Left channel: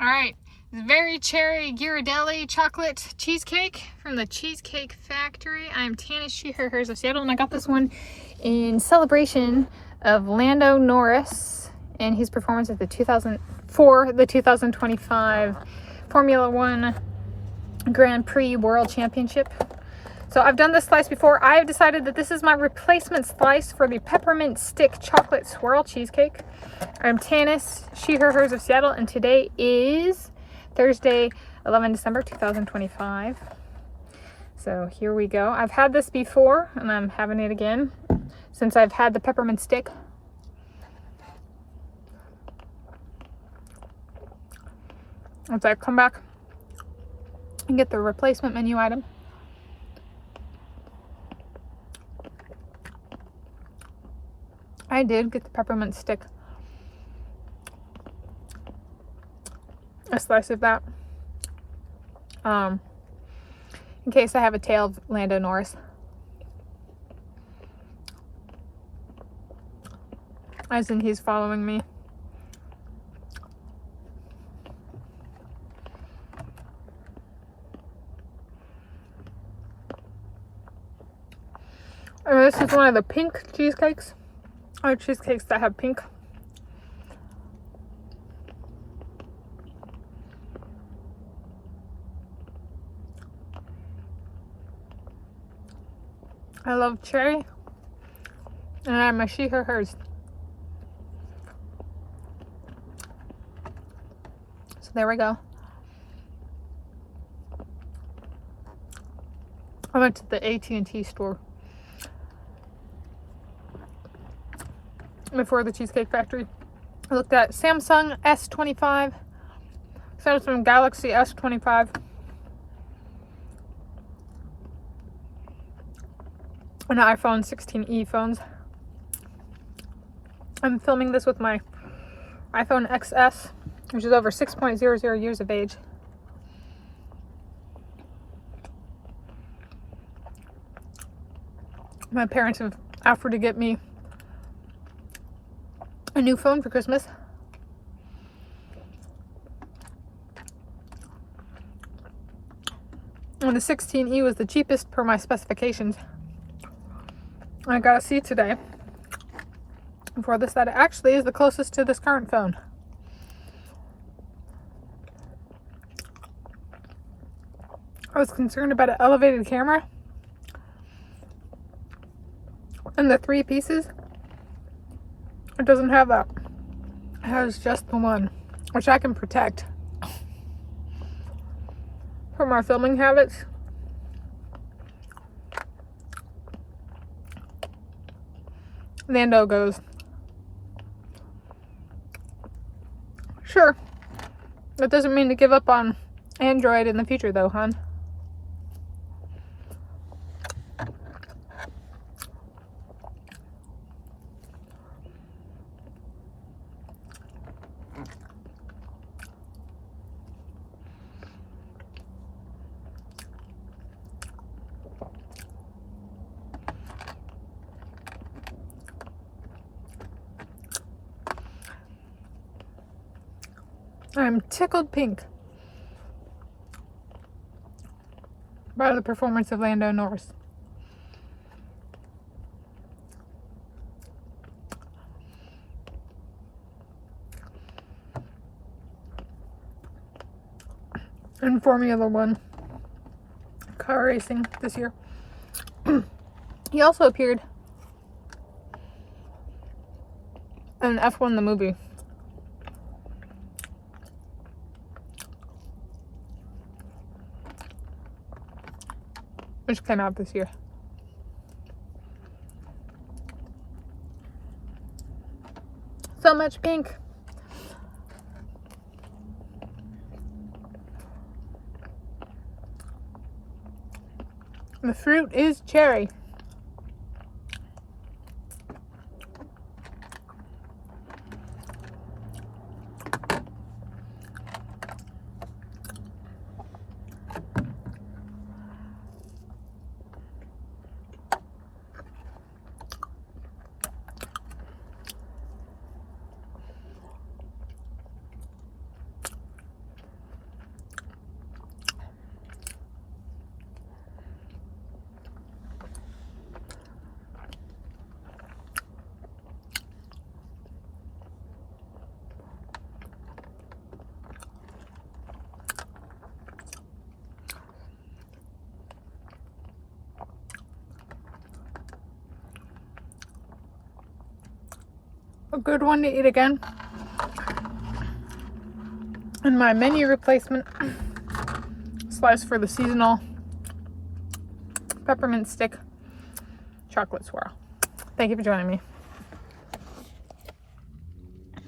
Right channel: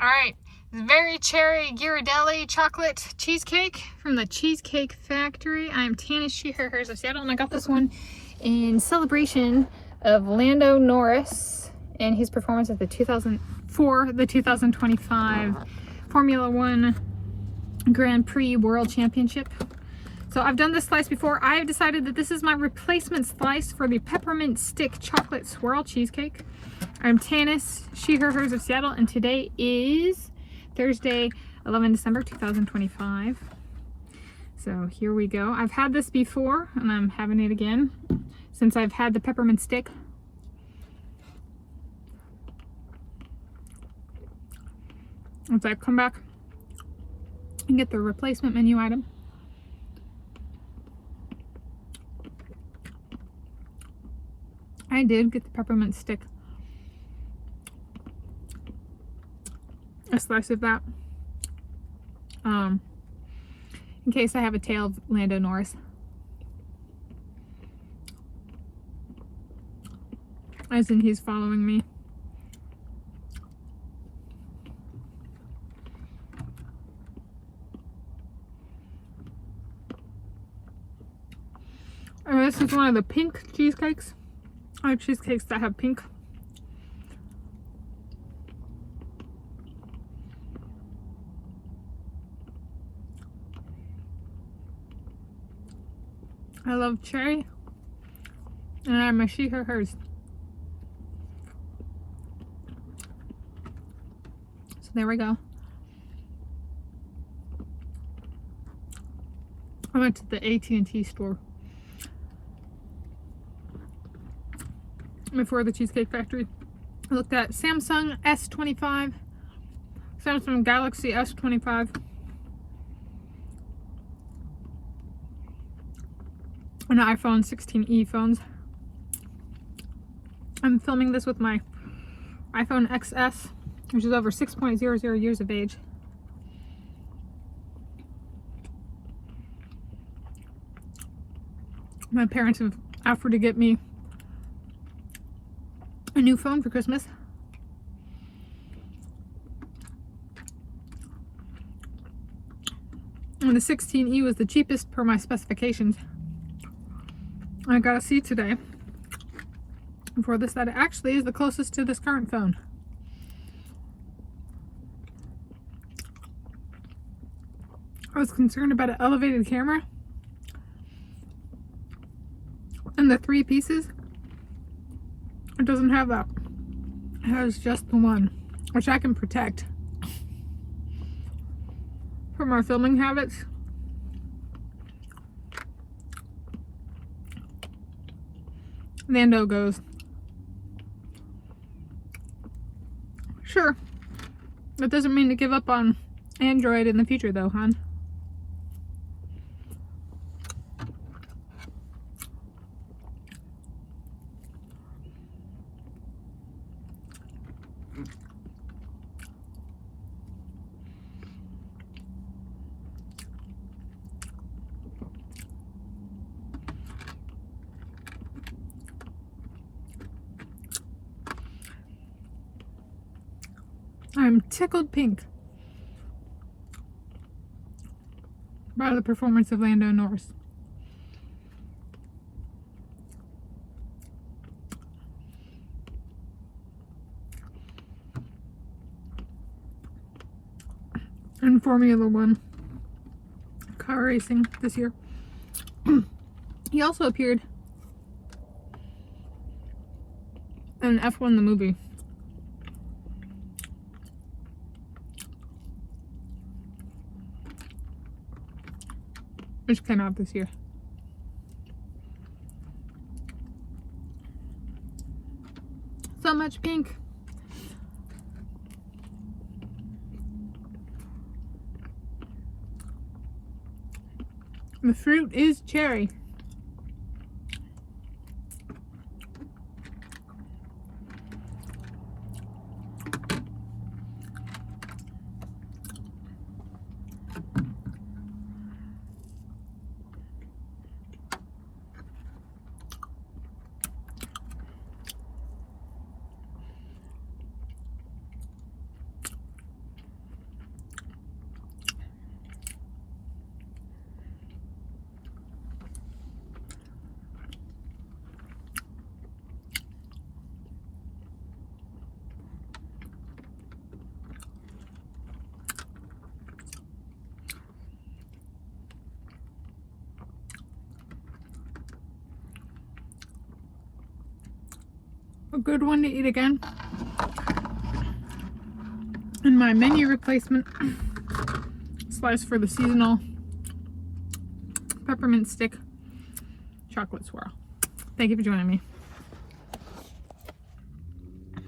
All right, very cherry Ghirardelli chocolate cheesecake from the Cheesecake Factory. I'm Tanis Coralee of Seattle, and I got this one in celebration of Lando Norris and his performance at the 2025 Formula One Grand Prix World Championship. So I've done this slice before. I've decided that this is my replacement slice for the peppermint stick chocolate swirl cheesecake. I'm Tanis, she, her, hers of Seattle, and today is Thursday, 11 December 2025. So here we go. I've had this before, and I'm having it again since I've had the peppermint stick. Once I come back and get the replacement menu item. I did get the peppermint stick. A slice of that. In case I have a tail of Lando Norris. As in he's following me. And this is one of the pink cheesecakes. Or cheesecakes that have pink. I love cherry. And I'm a she, her, hers. So there we go. I went to the AT&T store before the Cheesecake Factory. I looked at Samsung S25, Samsung Galaxy S25, and iPhone 16e phones. I'm filming this with my iPhone XS, which is over 6.00 years of age. My parents have offered to get me a new phone for Christmas. And the 16e was the cheapest per my specifications. I got to see today before this that it actually is the closest to this current phone. I was concerned about an elevated camera and the 3 pieces. It doesn't have that. It has just the one, which I can protect from our filming habits. Lando goes, "Sure. That doesn't mean to give up on Android in the future though, hon." I'm tickled pink by the performance of Lando Norris. In Formula One car racing this year. He also appeared in F1 the movie. Which came out this year. So much pink. The fruit is cherry. a good one to eat again. And my menu replacement slice for the seasonal peppermint stick chocolate swirl. Thank you for joining me.